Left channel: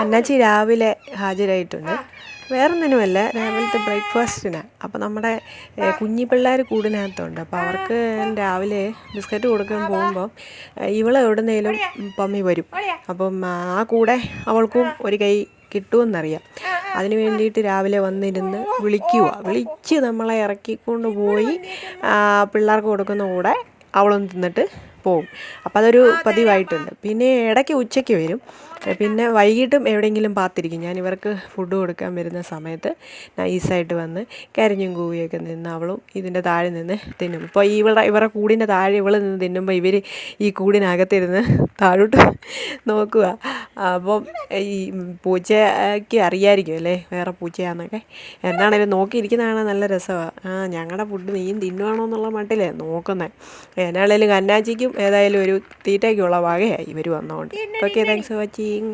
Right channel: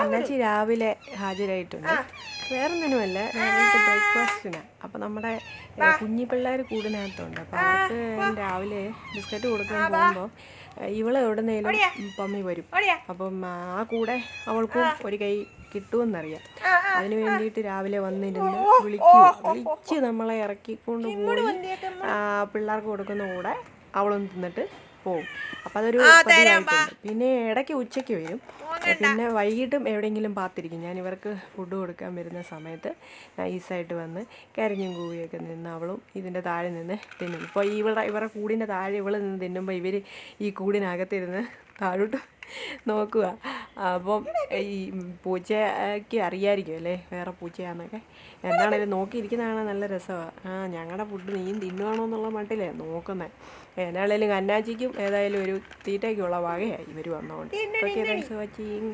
അന്നാച്ചി രാവിലെ ഹാജരായിട്ടുണ്ട്. വേറൊന്നിനുമല്ല രാവിലത്തെ ബ്രേക്ക്ഫാസ്റ്റിന്. അപ്പോൾ നമ്മുടെ കുഞ്ഞി പിള്ളേർ കൂടിനകത്തുണ്ട്. അപ്പോൾ അവർക്ക് രാവിലെ ബിസ്ക്കറ്റ് കൊടുക്കാൻ പോകുമ്പോൾ ഇവളെ എവിടുന്നേലും പമ്മി വരും. അപ്പം ആ കൂടെ അവൾക്കും ഒരു കൈ കിട്ടുമെന്നറിയാം. അതിനു വേണ്ടിയിട്ട് രാവിലെ വന്നിരുന്ന് വിളിക്കുക വിളിച്ച് നമ്മളെ ഇറക്കിക്കൊണ്ട് പോയി പിള്ളേർക്ക് കൊടുക്കുന്ന കൂടെ അവളും തിന്നിട്ട് പോകും അപ്പോൾ അതൊരു പതിവായിട്ടുണ്ട്. പിന്നെ ഇടയ്ക്ക് ഉച്ചയ്ക്ക് വരും. പിന്നെ വൈകിട്ടും എവിടെയെങ്കിലും പാത്തിരിക്കും. ഞാൻ ഇവർക്ക് ഫുഡ് കൊടുക്കാൻ വരുന്ന സമയത്ത് നൈസായിട്ട് വന്ന് കരിഞ്ഞും കൂവിയൊക്കെ നിന്ന് അവളും ഇതിന്റെ താഴെ നിന്ന് തിന്നും. ഇപ്പോൾ ഇവളുടെ ഇവരുടെ കൂടിന്റെ താഴെ ഇവൾ നിന്ന് തിന്നുമ്പോൾ ഇവർ ഈ കൂടിനകത്തിരുന്ന് താഴോട്ട് നോക്കുക. അപ്പം ഈ പൂച്ചയ്ക്ക് അറിയായിരിക്കും അല്ലേ? വേറെ പൂച്ചയാണെന്നൊക്കെ എന്നാണേലും നോക്കിയിരിക്കുന്നതാണ് നല്ല രസമാണ് ആ ഞങ്ങളുടെ ഫുഡ് നീയും തിന്നുവാണോ എന്നുള്ള മട്ടിലേ നോക്കുന്നത് എന്നാണേലും കന്നാച്ചിക്കും ഏതായാലും ഒരു തീറ്റയ്ക്കുള്ള വകയായി ഇവർ വന്നതുകൊണ്ട് ഓക്കെ താങ്ക്സ് ഫോർ വാച്ചിങ്